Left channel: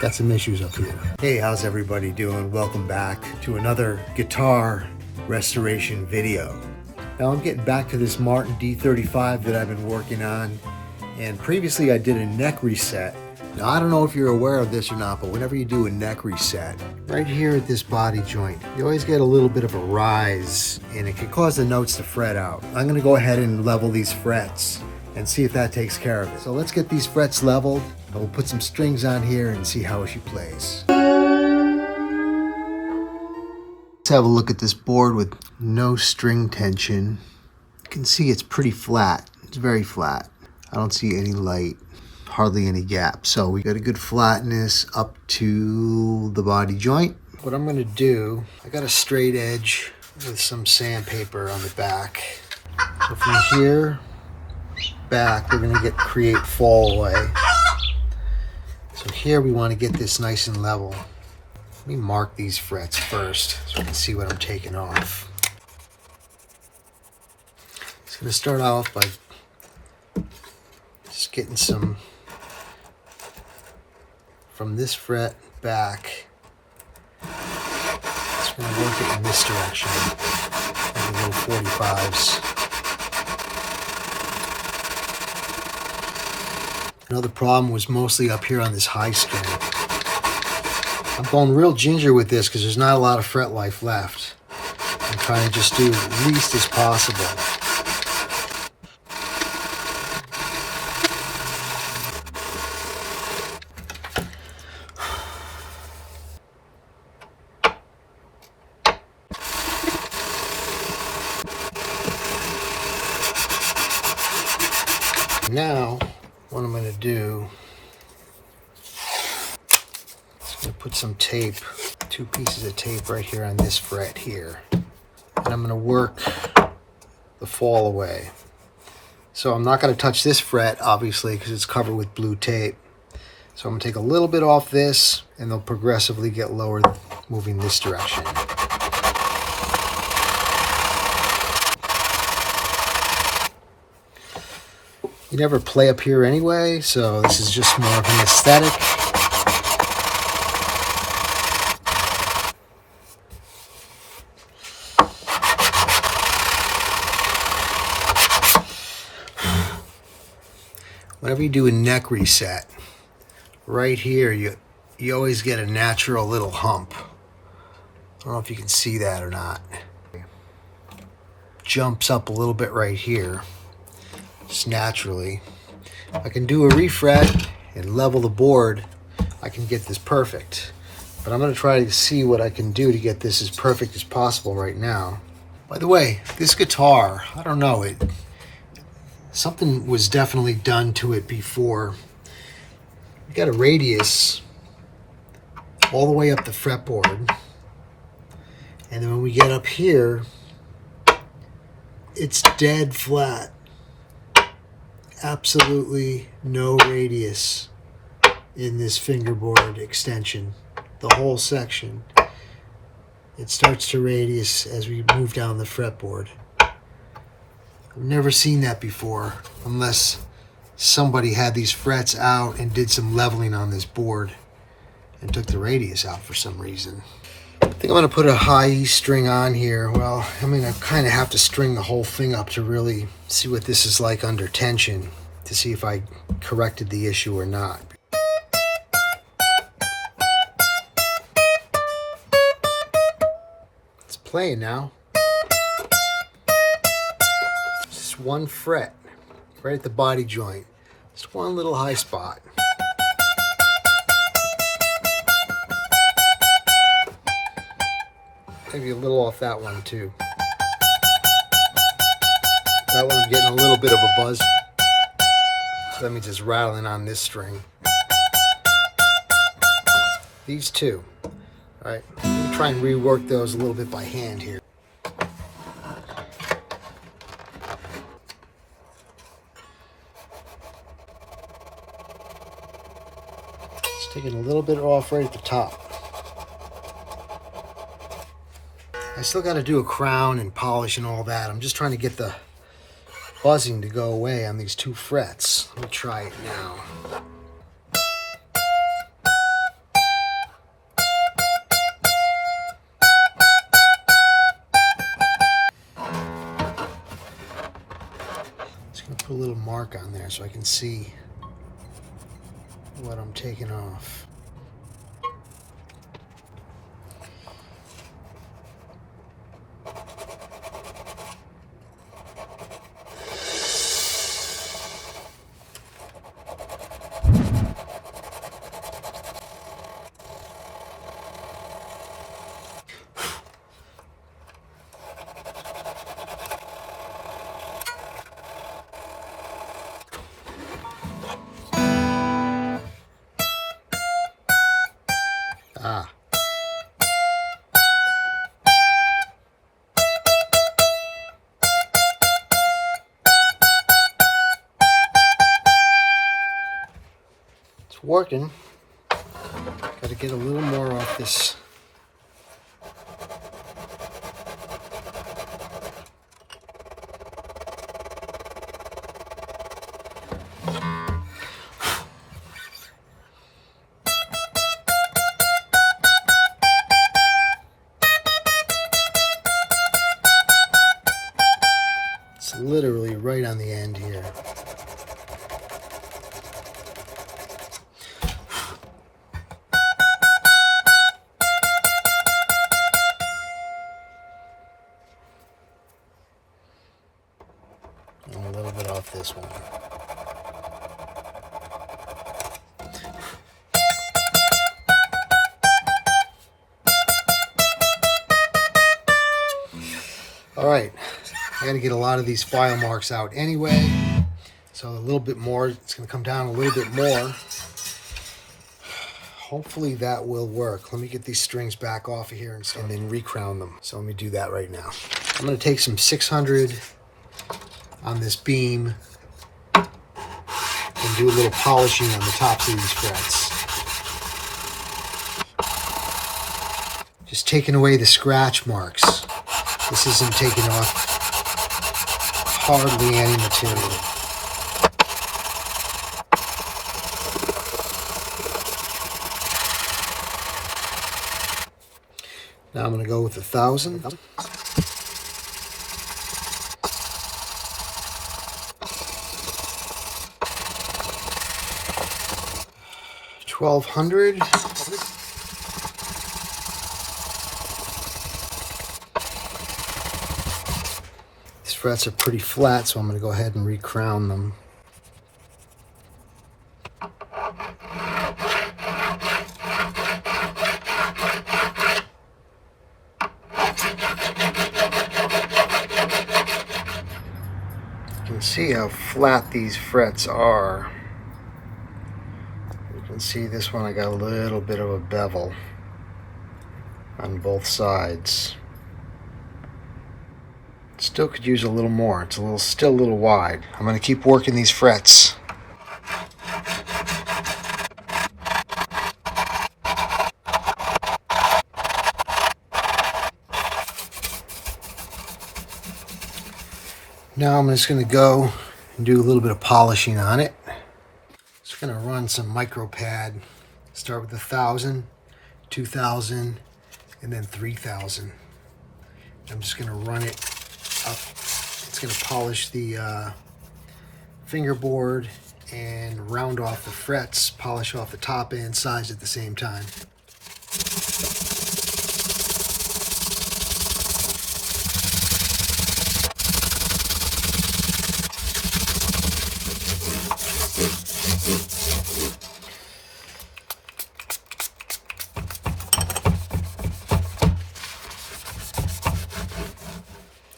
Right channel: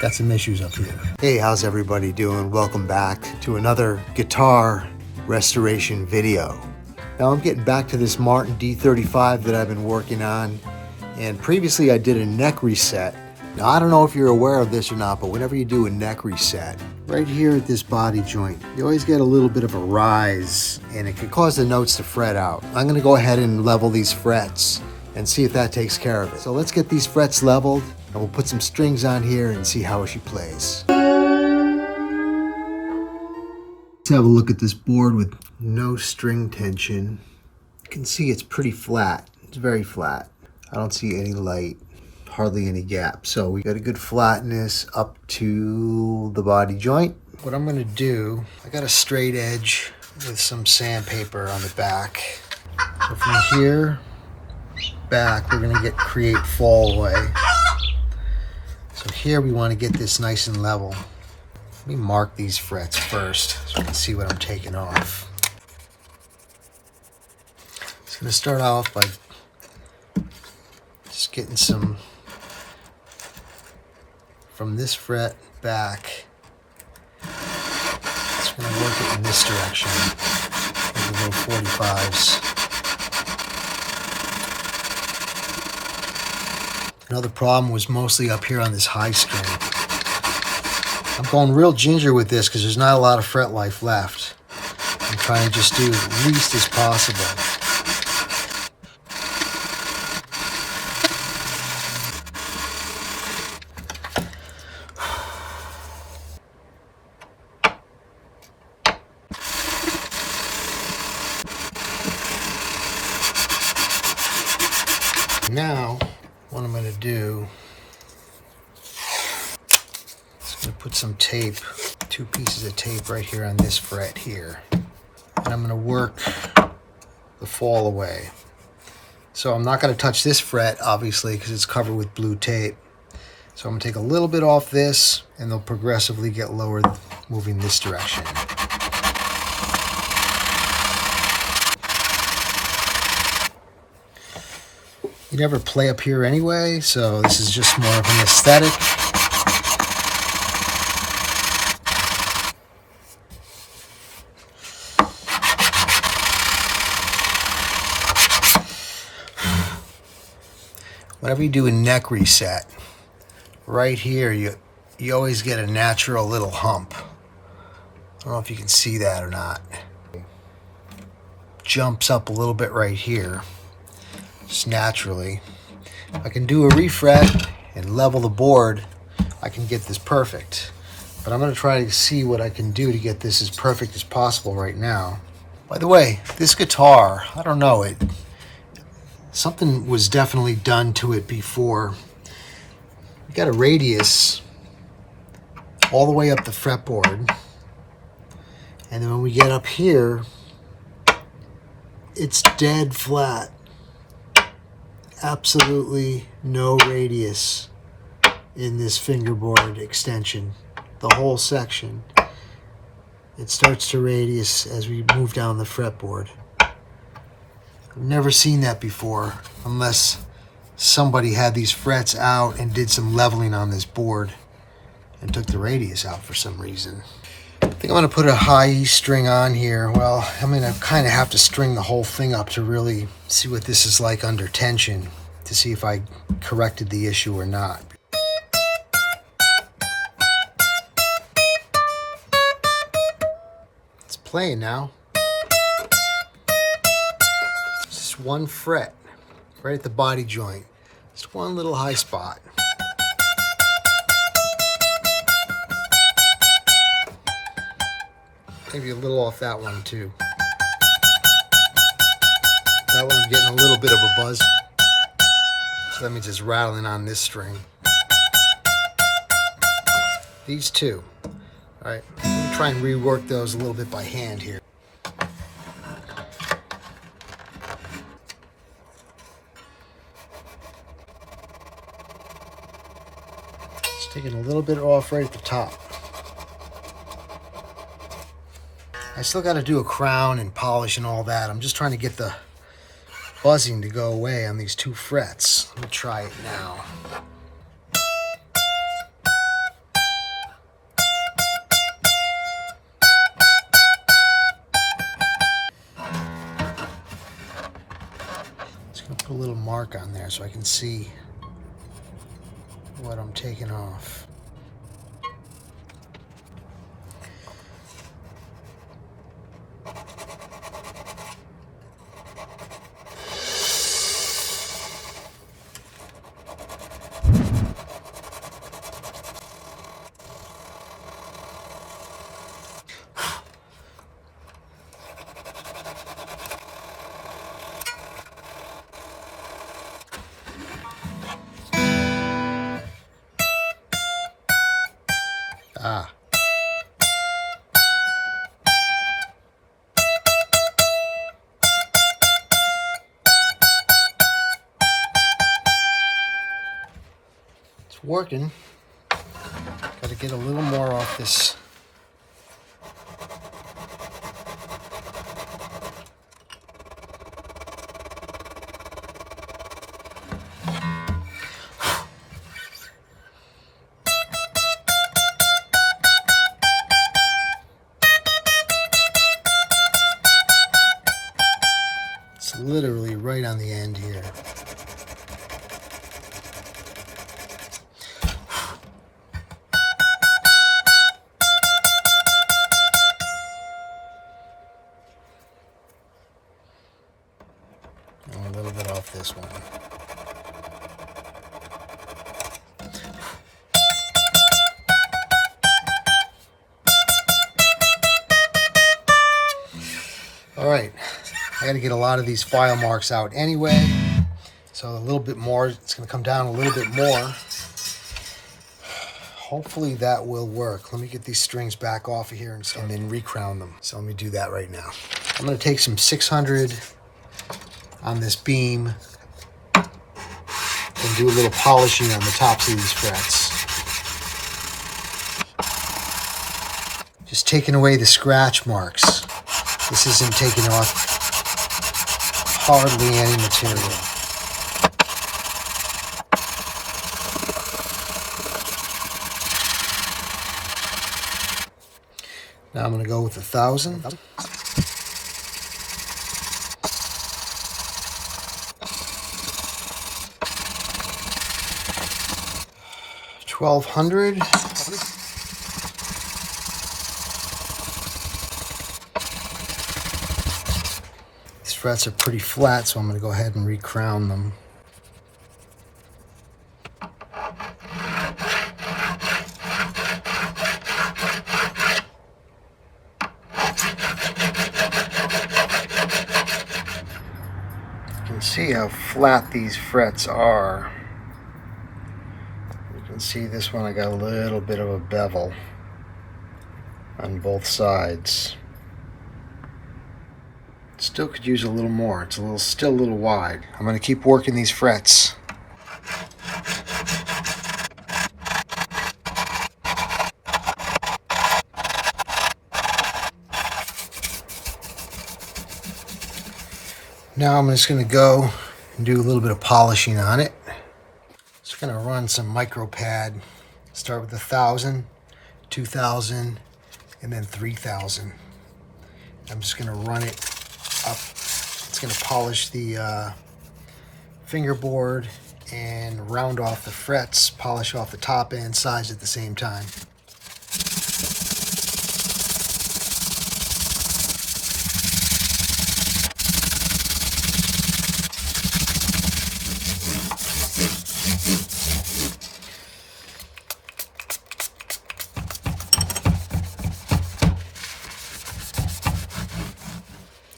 got some issues up here. Hey, how's everybody doing? Welcome back to another guitar restoration video. Now I'm getting back to this Martin D35 that I've been working on, and previously I did a neck reset. Now I don't know if you're aware of this or not, but whenever you do a neck reset, right here at this body joint, you always get a little bit of a rise, and it could cause the notes to fret out. I'm gonna go ahead and level these frets and see if that takes care of it. So let's get these frets leveled, and we'll put some strings on here and see how she plays. Let's have a look at this board with no string tension. You can see it's pretty flat. It's very flat. I don't see any light, hardly any gap. So we got a good flatness up to the body joint. What I'm gonna do, I got a straight edge with some sandpaper on the back. So from here back, we're gonna create fall away. So here we wanna get this nice and level. Let me mark these frets first so you can see what I'm taking off. Just gonna start off by just getting some from this fret back. Just gonna work it in this direction, like the little 45s. Another problem was mostly up here on this high string. I'm going real ginger with this because there's not a lot of fret life left. I'm trying to just do as least as possible. Now, what I'm going to do is going to put some tape, 2 pieces of tape right here on this fret here. And I'm going to work the fall away. So I'm not going to touch this fret, obviously, because it's covered with blue tape. So I'm going to take a little bit off this, and they'll progressively get lower moving this direction. You never play up here anyway, so this is just more of an aesthetic. Whenever you do a neck reset, right here you always get a natural little hump. I don't know if you can see that or not. Jumps up a little bit right here. Just naturally. If I can do a refret and level the board, I can get this perfect. But I'm going to try to see what I can do to get this as perfect as possible right now. By the way, this guitar, I don't know, something was definitely done to it before. We got a radius all the way up the fretboard, and then when we get up here, it's dead flat. Absolutely no radius in this fingerboard extension. The whole section, it starts to radius as we move down the fretboard. I've never seen that before, unless somebody had these frets out and did some leveling on this board and took the radius out for some reason. I think I'm going to put a high E string on here. Well, I mean, I kind of have to string the whole thing up to really see what this is like under tension, to see if I corrected the issue or not. It's playing now. Just one fret right at the body joint. Just one little high spot. Maybe a little off that one too. That one I'm getting a little bit of a buzz. So that means it's rattling on this string. These two. Alright, let me try and rework those a little bit by hand here. Just taking a little bit off right at the top. I still got to do a crown and polish and all that. I'm just trying to get the buzzing to go away on these 2 frets. Let me try it now. Put a little mark on there so I can see what I'm taking off. Ah. It's working. Got to get a little more off this. It's literally right on the end here. And a little bit off this one. All right, I got to get a lot of these file marks out anyway, so a little bit more, it's going to come down a little bit more. Hopefully that will work. Let me get these strings back off of here and then recrown them. So let me do that right now. I'm going to take some 600 on this beam and do a little polishing on the tops of these frets. Just taking away the scratch marks. This isn't taking off hardly any material. Now I'm going to go with 1,000. $1,200. These frets are pretty flat, so I'm going to go ahead and recrown them. You can see how flat these frets are. You can see this one, I got a little bit of a bevel on both sides. Still could use a little more. It's still a little wide. I'm going to keep working these frets. Now I'm just going to go and do a little bit of polishing on it. Just going to run some micro pad. Start with 1,000, 2,000, and then 3,000. I'm just going to run it up. It's going to polish the fingerboard and round off the frets, polish off the top and sides at the same time.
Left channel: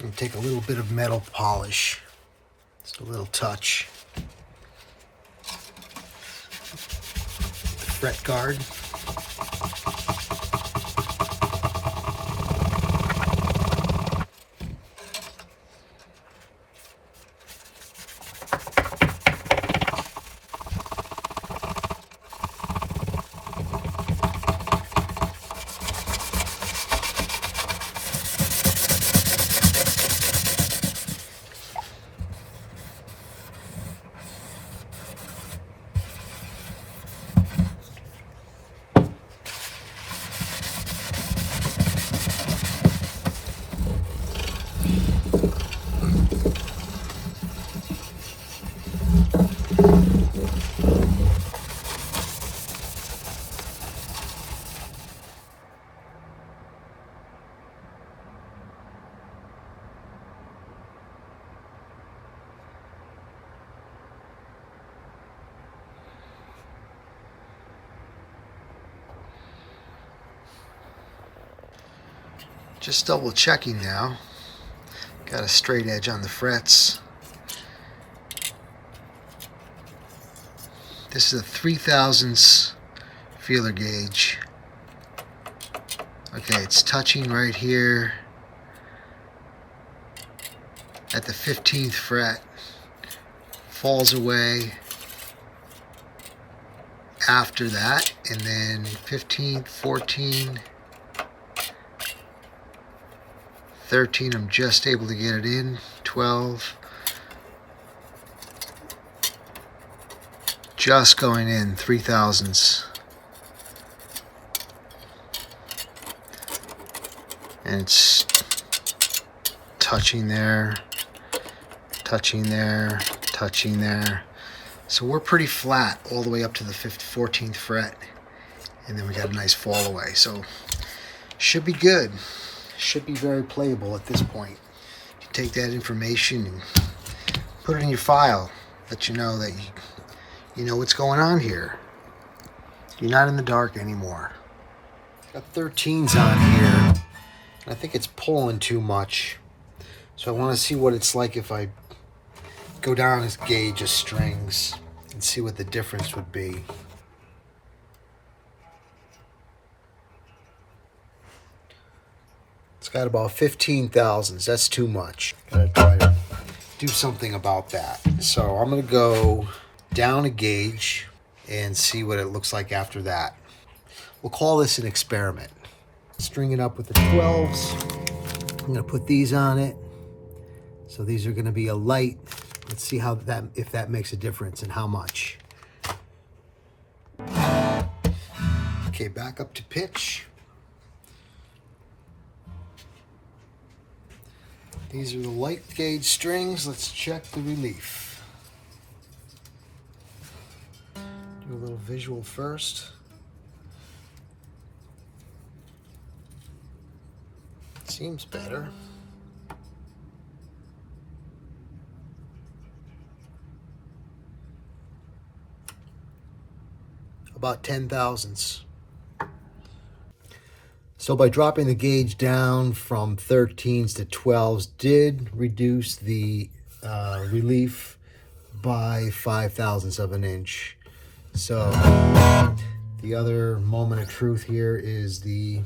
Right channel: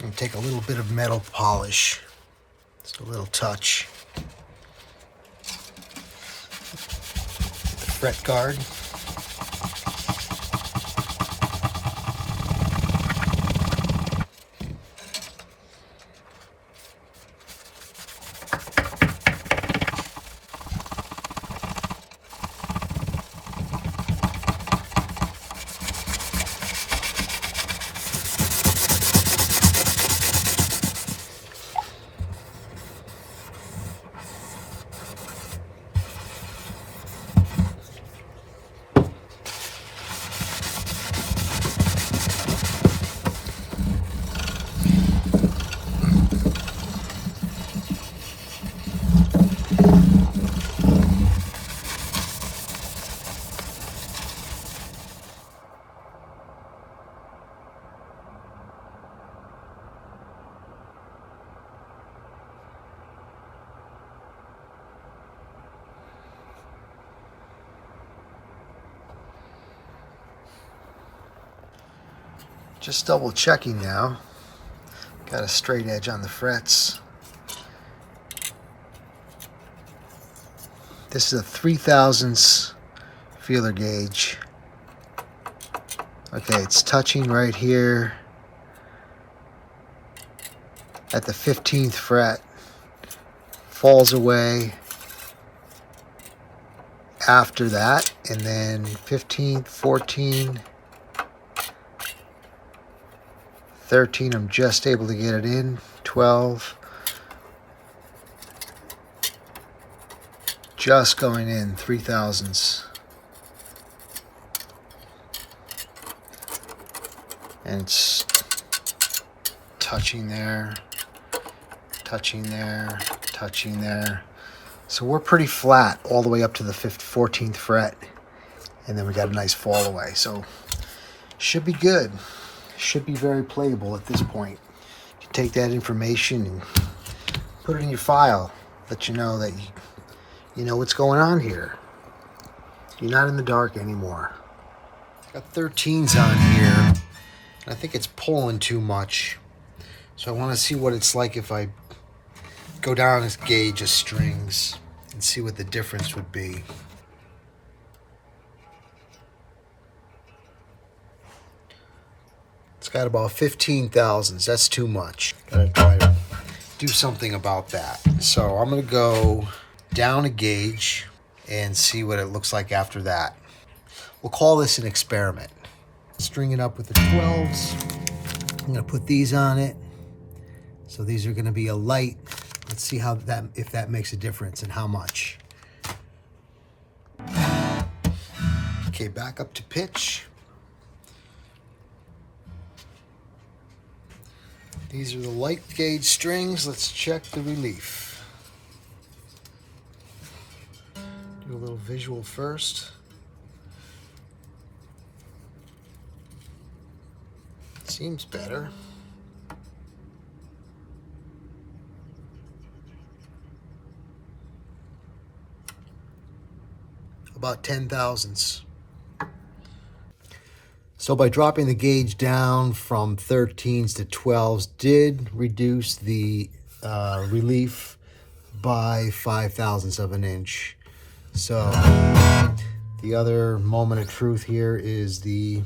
And take a little bit of metal polish, just a little touch. Fret guard. Just double checking now. Got a straight edge on the frets. This is a 3/1000 feeler gauge. Okay, it's touching right here at the 15th fret. Falls away after that, and then 15, 14, 13, I'm just able to get it in, 12, just going in, 3/1000. And it's touching there, touching there, touching there. So we're pretty flat all the way up to the 14th fret. And then we got a nice fall away. So should be good. Should be very playable at this point. Take that information and put it in your file. Let you know that you know what's going on here. You're not in the dark anymore. Got 13s on here. I think it's pulling too much. So I want to see what it's like if I go down this gauge of strings and see what the difference would be. It's got about 15/1000. That's too much. Gotta try to do something about that. So I'm gonna go down a gauge and see what it looks like after that. We'll call this an experiment. String it up with the 12s. I'm gonna put these on it. So these are gonna be a light. Let's see how that, if that makes a difference and how much. Okay, back up to pitch. These are the light gauge strings. Let's check the relief. Do a little visual first. Seems better. About 10/1000. So by dropping the gauge down from 13s to 12s did reduce the relief by 5/1000 of an inch. So the other moment of truth here is the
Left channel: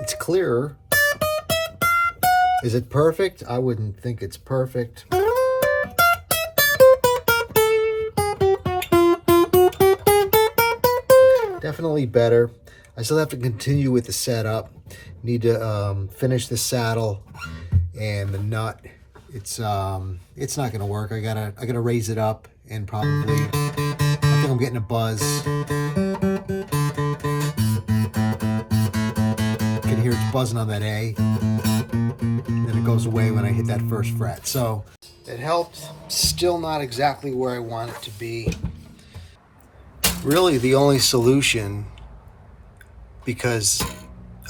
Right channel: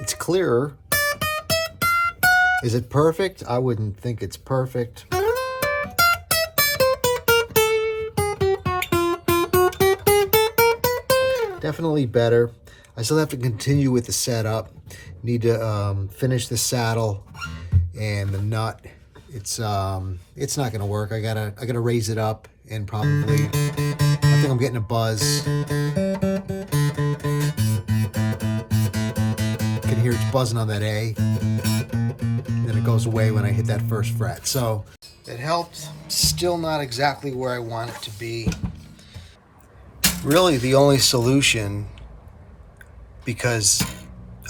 it's clearer. Is it perfect? I wouldn't think it's perfect. Definitely better. I still have to continue with the setup. Need to finish the saddle and the nut. It's not gonna work. I gotta raise it up and probably, I think I'm getting a buzz. You can hear it's buzzing on that A. And then it goes away when I hit that first fret. So it helped. Still not exactly where I want it to be. Really the only solution, because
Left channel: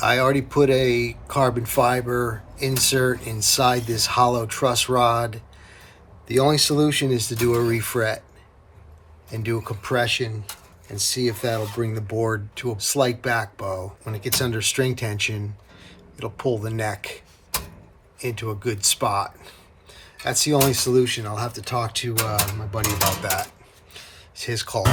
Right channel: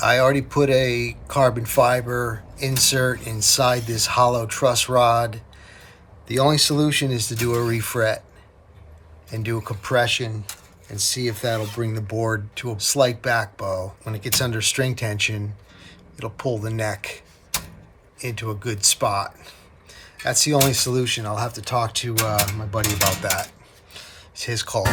I already put a carbon fiber insert inside this hollow truss rod, the only solution is to do a refret and do a compression and see if that'll bring the board to a slight back bow. When it gets under string tension, it'll pull the neck into a good spot. That's the only solution. I'll have to talk to my buddy about that. It's his call.